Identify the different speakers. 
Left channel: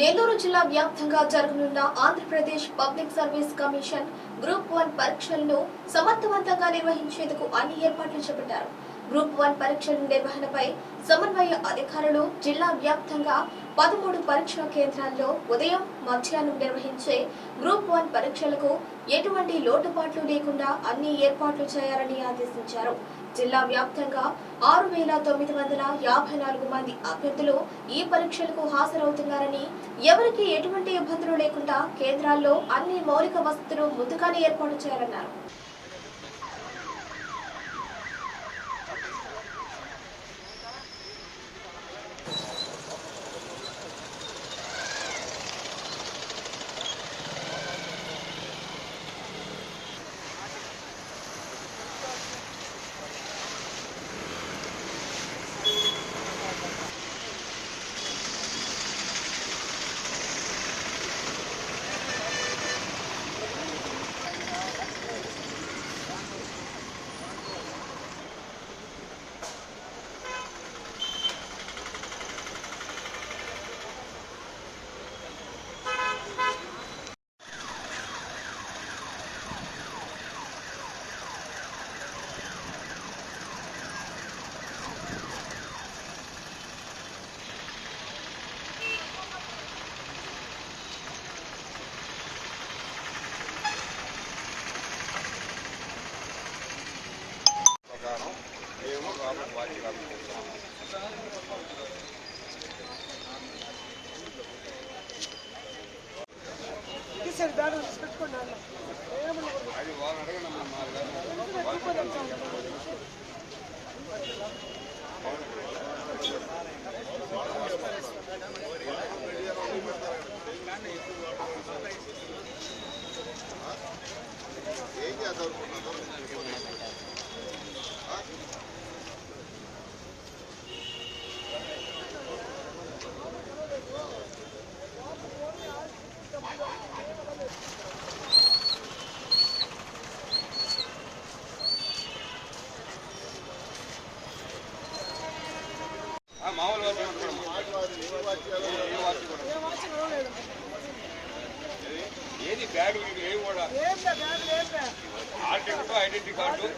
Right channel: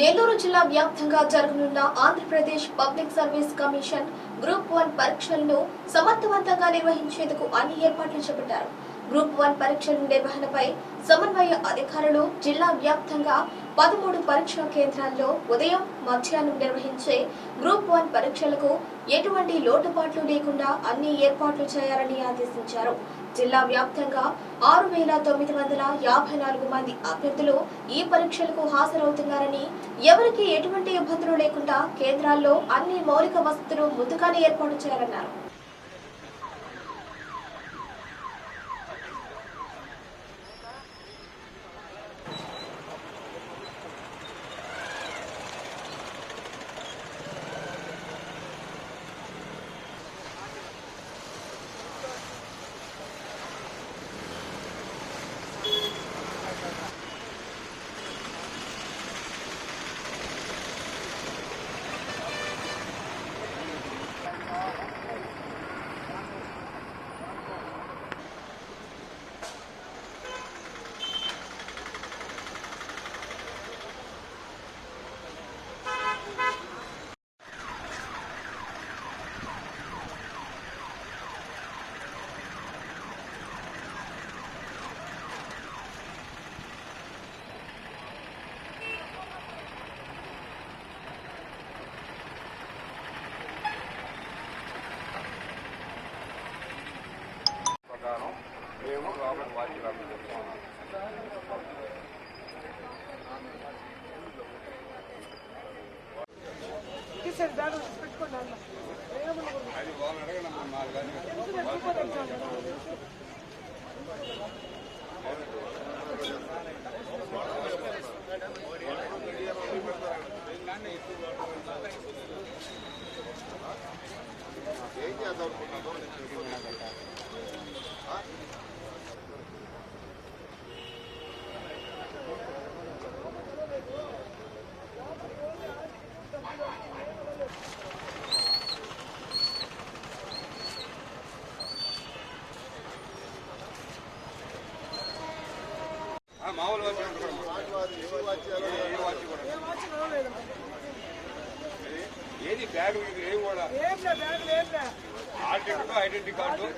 Speaker 1: నెల్లూరు జిల్లా వ్యాప్తంగా జరగనున్న Andhra Pradesh public service commission group one పరీక్షలను సమర్థవంతంగా నిర్వహించేందుకు అన్ని ఏర్పాట్లు చేపట్టారు. గ్రూప్ వన్ పరీక్షల నిర్వహణపై సమన్వయ అధికారులు జిల్లా వ్యాప్తంగా పదమూడు పరీక్షా కేంద్రాల్లో ఉదయం మధ్యాహ్నం నిర్వహించే గ్రూప్ వన్ పరీక్షలకు ఎటువంటి లోటుపాట్లు లేకుండా అన్ని ఏర్పాట్లు చేయాలని ఆదేశించారు. జిల్లా వ్యాప్తంగా ఆరు వేల తొమ్మిది వందల యాభై నాలుగు మంది అభ్యర్థులు ఈ పరీక్షలకు హాజరవుతున్నారని ఎవరికి ఎటువంటి ఇబ్బందులు లేకుండా కేంద్రాల్లో అన్ని మౌలిక వసతులు ముందుగానే ఏర్పాటు చేయాలన్నారు.
Speaker 2: మేము రాబోయే వారికి రాబోతున్నాము అది వాళ్ళని అడగనమ్మా నాలుగు గంటలు. ఏం చేద్దాం అనుకున్నారో ఏది బ్యాగ్ ఏవి కూడా ఆర్టికల్ ఐడెంటిటీ కార్డు